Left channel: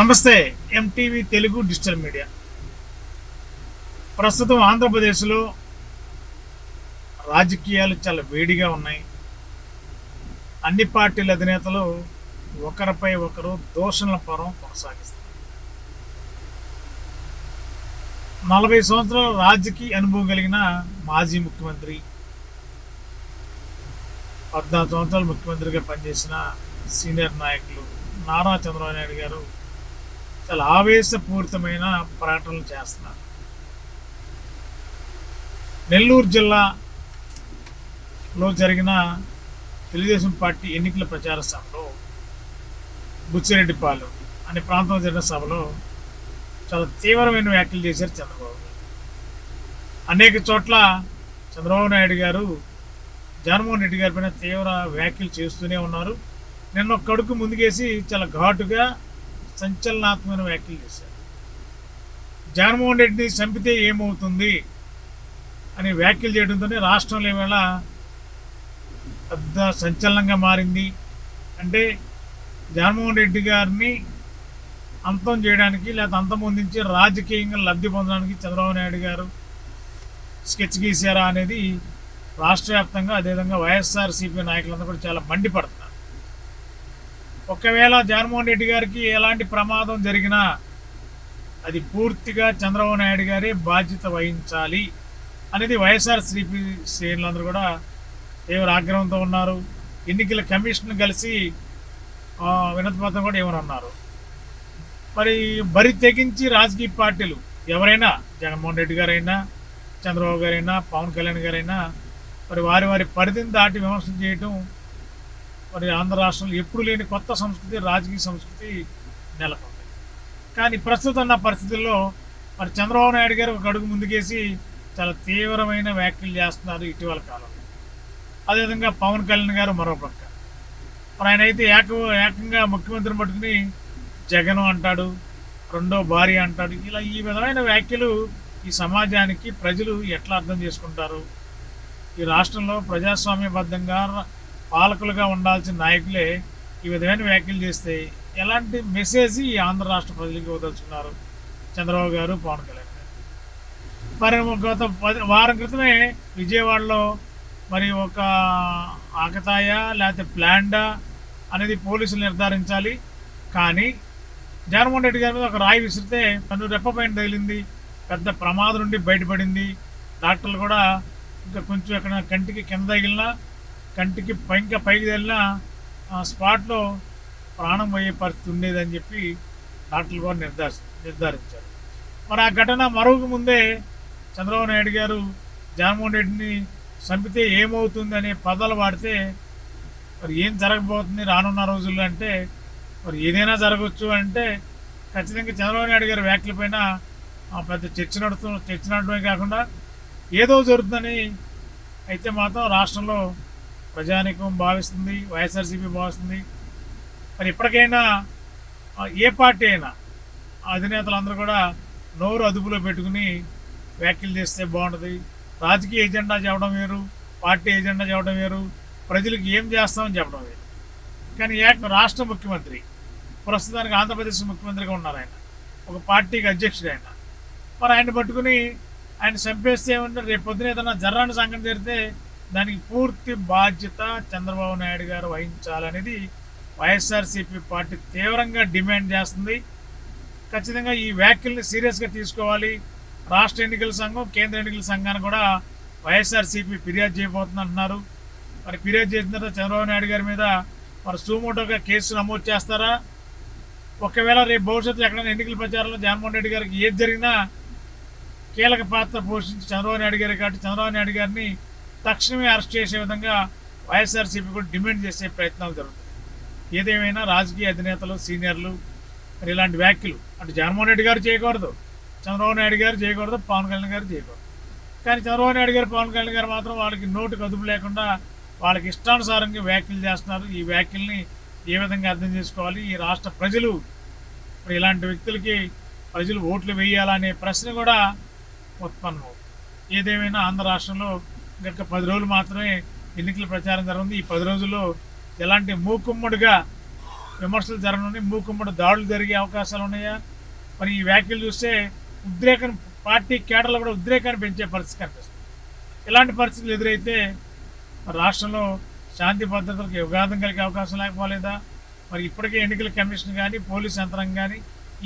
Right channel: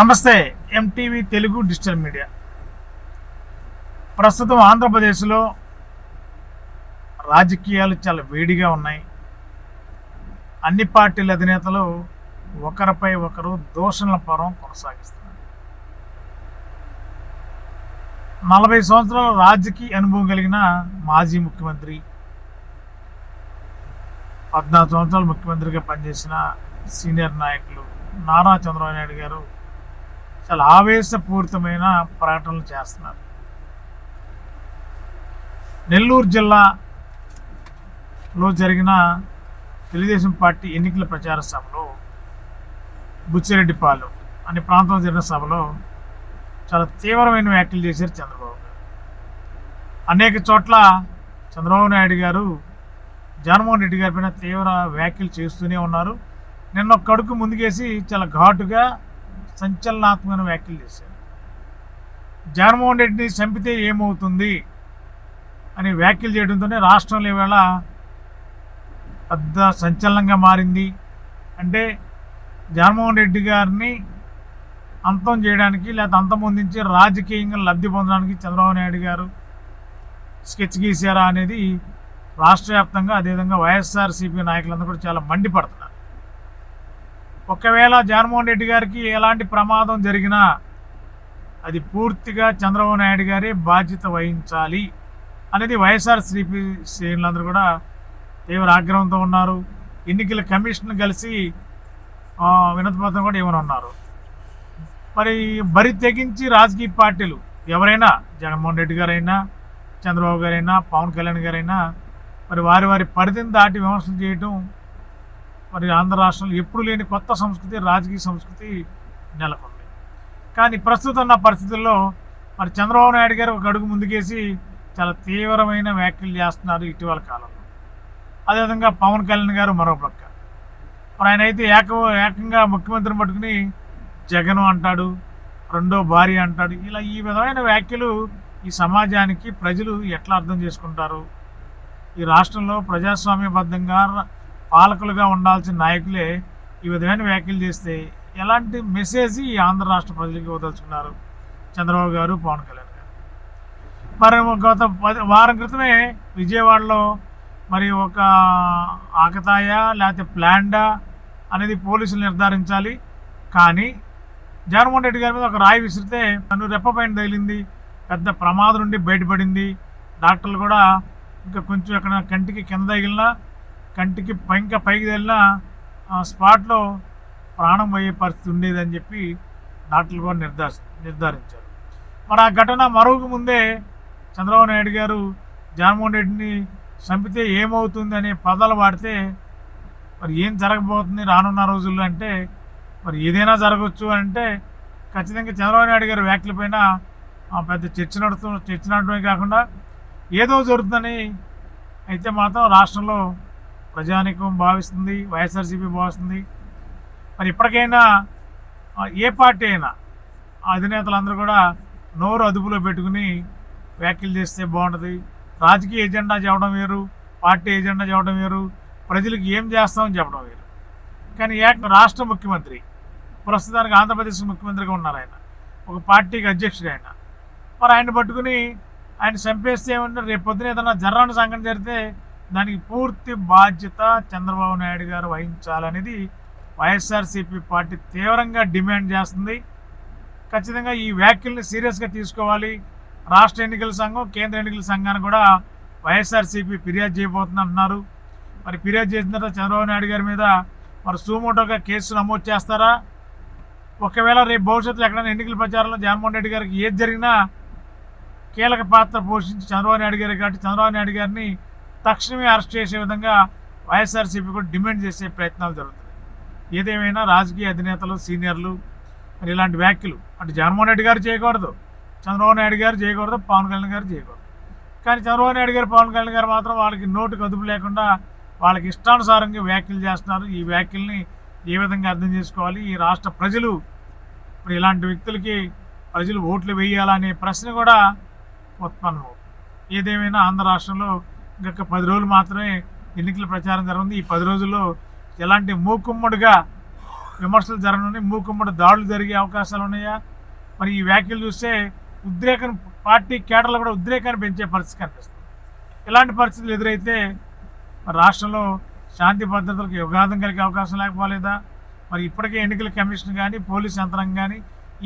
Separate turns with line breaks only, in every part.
నమస్తే MTV Telugu digital media. ప్రస్తుతం ఆంధ్రప్రదేశ్లో రాజకీయాలు చాలా వేడిగా ఉన్నాయి. అన్ని పార్టీల అధినేతలు ఒకరిపై ఒకరు దోషణల పరం కొనసాగిస్తున్నారు. నలభై సంవత్సరాల రాజకీయ అనుభవం కలిగిన మాజీ ముఖ్యమంత్రి పద్నాలుగు సంవత్సరాలు ముఖ్యమంత్రిగా పనిచేసిన సీనియర్ నాయకులు నారా చంద్రబాబు నాయుడు గారు చాలా ఆవేశపూరితమైన ప్రకటనలు చేస్తున్నారు. నెల్లూరు జిల్లాలో జరిగిన తెలుగుదేశం పార్టీ ఎన్నికల ప్రచార సభలో బుచ్చిరెడ్డిపాలెం అనే ప్రాంతంలో జరిగిన సభలో చాలా తీవ్రమైన వ్యాఖ్యలు చేశారు చంద్రబాబు గారు. అనేక చోట్ల చంద్రబాబు నాయుడు గారు జగన్మోహన్ రెడ్డి గారి పైన తీవ్ర వ్యాఖ్యలు చేస్తూనే ఉన్నారు. నిన్న కడుకు ముందుకేసి చాలా ఘాటుగా సంచలనాత్మకమైన వ్యాఖ్యలు చేశారు. జగన్మోహన్ రెడ్డిని చంపితే ఏమవుతుంది అని వ్యాఖ్యలు చేయడంతోనే రాష్ట్రంలో ఈవేళ పెద్ద సంచలనంగా మారింది. అంటే జగన్మోహన్ రెడ్డి గారిని అంతం చేయడానికి లేకపోతే అంతమొందించి రాజకీయంగా లబ్ధి పొందడానికి చంద్రబాబు నాయుడు గారు స్కెచ్ గీశారా అనేది రాష్ట్ర వ్యాప్తంగా అదేవిధంగా వైఎస్ఆర్సీపీ నాయకులందరూ కూడా చాలా మండిపడతారు. ఒకవేళ జగన్మోహన్ రెడ్డి గారికి ఎలాంటి ప్రమాదం జరిగినా అది పూర్తిగా చంద్రబాబు నాయుడు గారే బాధ్యత వహించాలి అనేది వైఎస్ఆర్ శ్రీపి శ్రేణులందరూ కూడా తీవ్ర ఆగ్రహంతో ఉన్నారు. ఎన్నికల కమిషన్ కలిసి వినతిపత్రం కూడా ఏమని ఉన్నారు మరి బరి తెగించి రాజకీయ పార్టీలు ఎవరైనా జగన్మోహన్ రెడ్డి గారైనా చంద్రబాబు గారైనా పవన్ కళ్యాణ్ గారైనా మరి వారి వారి పరిధిని దాటి విమర్శలు చేయటం మరి ఆంధ్ర రాష్ట్రంలో ఎప్పుడు లేని కొత్త సంస్కృతి రాజకీయ సంస్కృతి నెలకొంది. కానీ ప్రస్తుతం ఉన్న పరిస్థితుల్లో మరి చంద్రబాబు నాయుడు గారు ఒక అడుగు ముందుకేసి చాలా తీవ్రమైన వ్యాఖ్యలు చేస్తున్నారు ఇటీవల కాలంలో. అదేవిధంగా పవన్ కళ్యాణ్ గారు మరో పక్క. మరి ఆయన అయితే ఏక ఏకంగా ముఖ్యమంత్రిని పట్టుకుని జగన్ అంటాడు రెండో భార్య అంటాడు. ఇలా ఈ విధమైన వ్యాఖ్యలు ఈ సమాజానికి ప్రజలు ఎట్లా అర్థం చేసుకుంటారు? ఈ రాష్ట్రంలో ప్రజాస్వామ్యబద్ధంగా పాలకులుగా ఉండాల్సిన నాయకులే ఈ విధమైన వ్యాఖ్యలు చేస్తే ఎలాంటి మెసేజ్ ఈ ఆంధ్ర రాష్ట్ర ప్రజలకు ఇవ్వదలుచుకున్నారు? చంద్రబాబు గారు పవన్ కళ్యాణ్ గారు. మరి గత పది వారం క్రితమే విజయవాడలో మరి ఒక ఆకతాయ లేకపోతే ప్లాండా అనేది పోలీసులు నిర్ధారించాలి. కానీ జగన్మోహన్ రెడ్డి గారి మీద ఒక రాయి విసిరితే తను రెప్పపైన తగిలింది పెద్ద ప్రమాదం నుండి బయటపడింది. డాక్టర్లు కూడా ఇంకా కొంచెం ఎక్కడ కంటికి కింద తగిలినా కంటికి పైక పైకి వెళ్ళినా ఆ స్పాట్లో ప్రాణం పోయే పరిస్థితి ఉండేదని చెప్పి డాక్టర్లు కూడా నిర్ధారి నిర్ధారించారు. మరి ఆ ఘటన మరుగుకు ముందే చంద్రబాబు నాయుడు గారు జగన్మోహన్ రెడ్డిని చంపితే ఏమవుతుంది అనే పదాలు వాడితే మరి ఏం జరగబోతుంది రానున్న రోజుల్లో అంటే మరి ఏదైనా జరగవచ్చు అంటే ఖచ్చితంగా చంద్రబాబు నాయుడు గారి వ్యాఖ్యలపైన ఆ, పెద్ద చర్చ నడుతు చర్చ నడటమే కాకుండా ఏదో జరుగుతుందని అయితే మాత్రం రాష్ట్రంలో ప్రజానికం భావిస్తుంది వైఎస్ఆర్సీపీ భావిస్తుంది. మరి ఇప్పటికైనా ఏ పార్టీ అయినా ఆ అధినేతలందరూ కూడా నోరు అదుపులో పెట్టుకుని వ్యాఖ్యలు చేస్తే బాగుంటుంది. రాజకీయ ఎజెండా చెప్పడం వేరు పార్టీ ఎజెండా చెప్పడం వేరు ప్రజలకు ఏం చేస్తామని చెప్పడం వేరు. కానీ ఏక రాష్ట్ర ముఖ్యమంత్రి ప్రస్తుతానికి ఆంధ్రప్రదేశ్ ముఖ్యమంత్రిగా ఉన్నారు ఆయన. ఒక పార్టీకి అధ్యక్షుడు ఆయన. మరి ఆయన పట్టుకుని ఆయన చంపేస్తే ఏమంటే రేపు పొద్దున ఏదైనా జర్రాన్ని సంఘటన జరిగితే దానికి పూర్తి బాధ్యత చంద్రబాబు నాయుడు గారు వహించాలనేది వైఎస్ఆర్సీపీ పార్టీ తీవ్రంగా డిమాండ్ చేస్తుంది. ఖచ్చితంగా ఈ వ్యాఖ్యల్ని సీరియస్గా తీసుకోవాలి. రాష్ట్ర ఎన్నికల సంఘం కేంద్ర ఎన్నికల సంఘాన్ని కూడా వైఎస్ఆర్సీపీ ఫిర్యాదు చేయబోతుంది అంటున్నారు. మరి ఫిర్యాదు చేసిన తర్వాత చంద్రబాబు నాయుడు గారి మీద మరి సూమోటోగా కేసు నమోదు చేస్తారా? ఒకవేళ రేపు భవిష్యత్తులో ఎక్కడైనా ఎన్నికల ప్రచారంలో జగన్మోహన్ రెడ్డి గారికి ఏది జరిగినా కీలక పాత్ర పోషించి చంద్రబాబు నాయుడు గారు కాబట్టి చంద్రబాబు నాయుడు గారిని తక్షణమే అరెస్ట్ చేసే విధంగా వైఎస్ఆర్సీపీ కూడా డిమాండ్ చేసే ప్రయత్నాలు జరుగుతాయి ఏదేమైనా రాజకీయ అధినేతలు సీనియర్లు మరి ఇలాంటి వ్యాఖ్యలు అంటే జగన్మోహన్ రెడ్డి గారు చేయకూడదు చంద్రబాబు నాయుడు గారు చేయకూడదు పవన్ కళ్యాణ్ గారు చేయకూడదు. కానీ చంద్రబాబు నాయుడు గారు పవన్ కళ్యాణ్ గారు మాత్రం వాళ్ళకి నోటు కదుపు లేకుండా వాళ్ళకి ఇష్టానుసారంగా వ్యాఖ్యలు చేస్తున్నారు. ఈ వ్యాఖ్యల్ని ఏ విధంగా అర్థం చేసుకోవాలి? ఈ రాష్ట్ర ప్రజలు మరి ఇలాంటి వ్యక్తులకి ప్రజలు ఓట్లు వేయాలనే ప్రశ్న కూడా ఉత్పన్నం ఏదేమైనా ఆంధ్ర రాష్ట్రంలో గత పది రోజులు మాత్రమే ఎన్నికల ప్రచారం జరిగింది ఈ పది రోజుల్లో ఎలాంటి మూకుమ్మడిగా విమర్శలు జరగనున్నాయి మూకుమ్మడి దాడులు జరిగే అవకాశాలు ఉన్నాయా? మరి ఈ వ్యాఖ్యలు చూస్తే ఉద్రేకం పార్టీ కేడర్లు కూడా ఉద్రేకాన్ని పెంచే పరిస్థితి కనిపిస్తుంది. ఇలాంటి పరిస్థితులు ఎదురైతే రాష్ట్రంలో శాంతి భద్రతలకు యుగాదం కలిగే అవకాశం లేకపోలేదా? మరి ఇప్పటికే ఎన్నికల కమిషన్ కానీ పోలీస్ యంత్రాంగం కానీ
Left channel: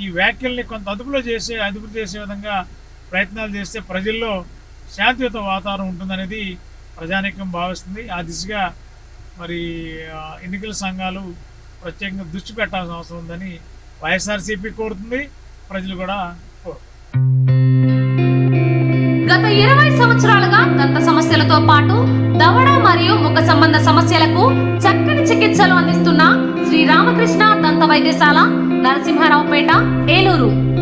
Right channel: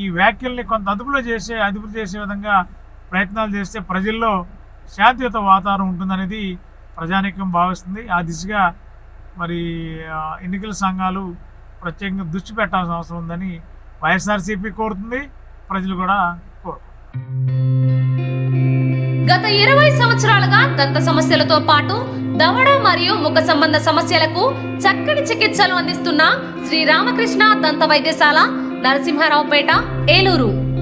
ఈ వ్యాఖ్యల్ని కొంత అదుపులో చేసే అదుపు చేసే విధంగా ప్రయత్నాలు చేస్తే ప్రజల్లో శాంతియుత వాతావరణం ఉంటుందనేది ప్రజానీకం భావిస్తుంది. ఆ దిశగా మరి ఎన్నికల సంఘాలు ప్రత్యేకంగా దృష్టి పెట్టాల్సిన అవసరం ఉందని వైఎస్ఆర్సీపీ కోరుతుంది. ప్రజలు కూడా
గత ఇరవై సంవత్సరాలుగా దంత సమస్యలతో పాటు దవడ మరియు ముఖ సంబంధ సమస్యలకు చక్కని చికిత్సలు అందిస్తున్న శ్రీ రామకృష్ణ దంత వైద్యశాల నరసింహారావుపేట ఏలూరు.